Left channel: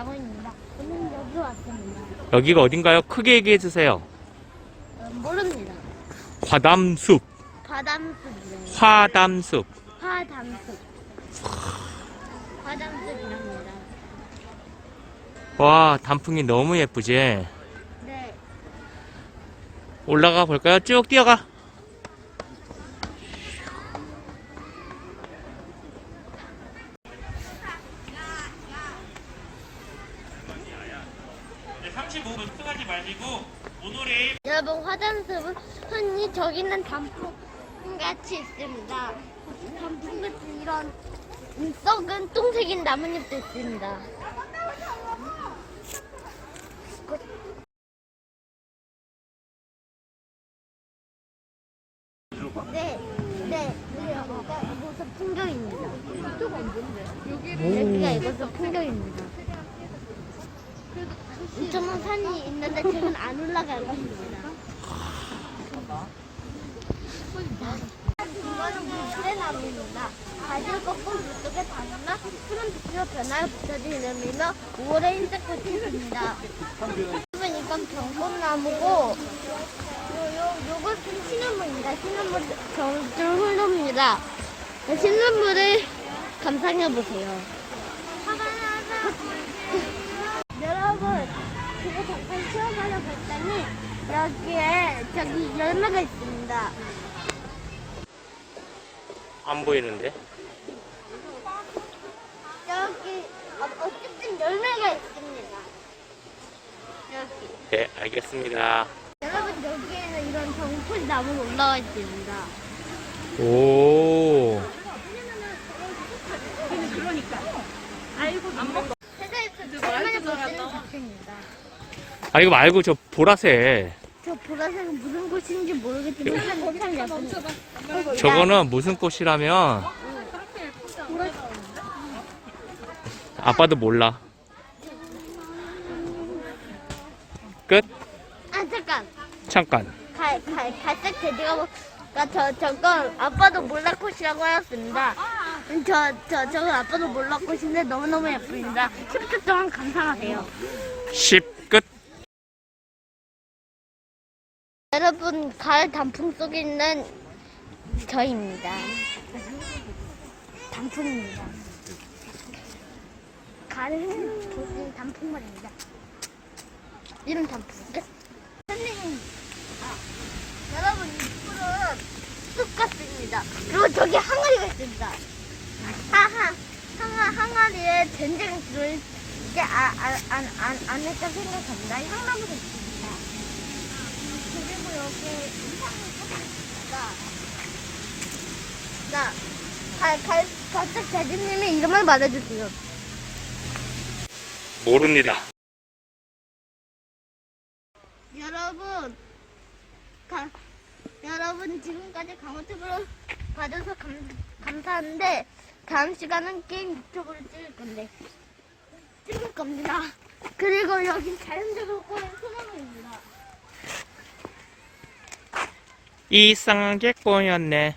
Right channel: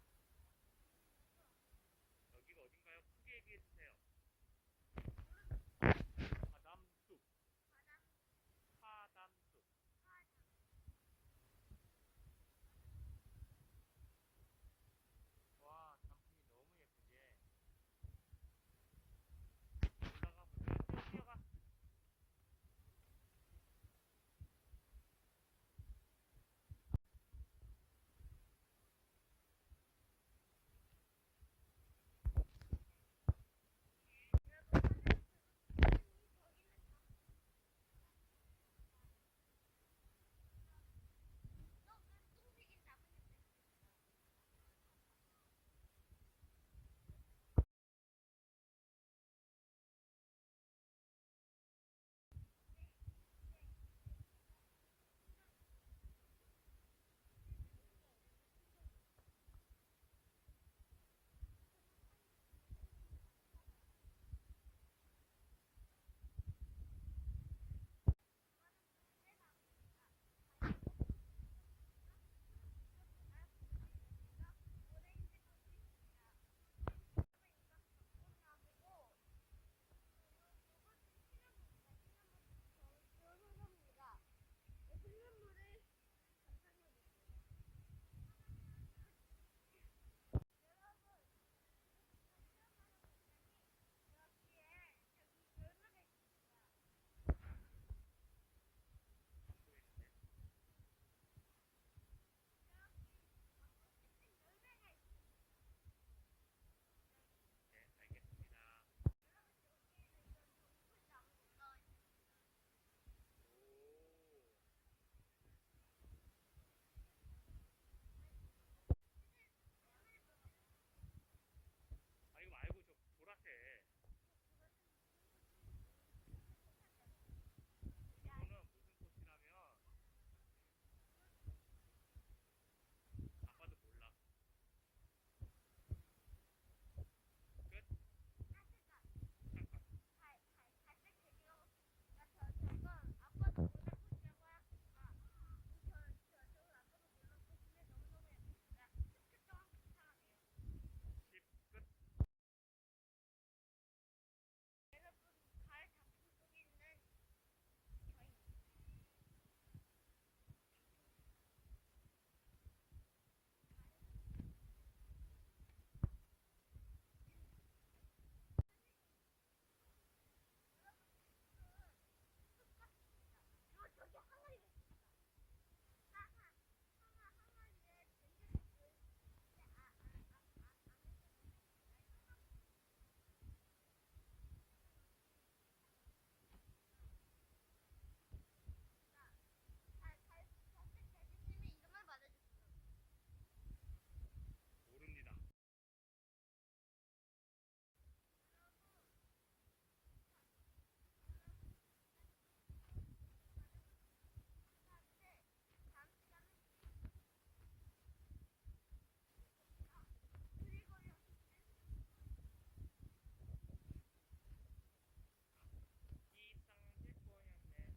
강원입니다. 오늘 여기 왔습니다. 여기가 어딘가요? 크게 얘기해 주세요. 모릅니다. 화담숲. 바담숲이에요. 화담숲. 화담숲. 화담숲이랍니다. 와, 단풍이 너무 예쁘지? 네. 올라가 볼까요? 쭉 뛰어가. 여러분, 화담숲은 흔히 저기 있는 단풍 같이 있습니다. 단풍 같은 이런 썩은 똥색인 나뭇잎도 있습니다. 네, 여기가 이곳은 풍경입니다. 여기가 이곳은 풍경입니다. 2,000원 산이 있는데 저는 안 올라갈 겁니다. 이거는 물레나무입니다. 가지를 꺾고 물속에 담아 푸른 빛으로 변화를 붙여지면서 5월의 흰색 꽃이 있습니다. 그러면 이건 병꽃나무고 요것은 시냇물입니다. 시냇물 저줄 흐릅니다. 시냇물을 감상해보세요. 여러분, 그거 잠깐 쉬어가려고 했더니 여기에 저기 열매가 있습니다. 안 보이는데? 여기 어쨌든 열매가 있습니다. 여기. 네, 알겠습니다. 여러분, 여기에는 이런 정풀 나무가 올라와 있습니다. 오. 세상에서 얼마나 멋있는 작품입니다. 아, 이거 말고 저 보라색. 저 보라색은 무슨 꽃인지 모르겠지만 참 예쁩니다. 저거는 무슨 꽃이라면 아빠도 몰라. 끝? 아, 잠깐. 갈색 돼지가 저건 아빠도 몰라 꽃이라고 하였습니다. 저건 아빠도 몰라 꽃인데 너무너무 예쁩니다. 10초 동안 감상하세요. 10 끝. 여러분, 가을 단풍 속에 있는 저입니다. 단풍입니다. 가을은 무슨 단풍말입니다. 이런 단풍 끝. 선생님, 여러분, 이 풀은 쑥 같습니다. 그리고 저기 항아리가 있습니다. 항아리에 젠쟁이 들어있게 안했다 생각합니다. 향나무도 있습니다. 그리고 여기 이상한 사람이 있습니다. 갈색 대지님의 이름을 말해주세요. 모릅니다. 여러분 지금까지 강호TV로 봐줘서 감사한데 다음 시간은 게임 유튜브를 찍을 겁니다. 그리고 여기 자연적으로 꼬인 소나무입니다. 이상하게 꼬였네.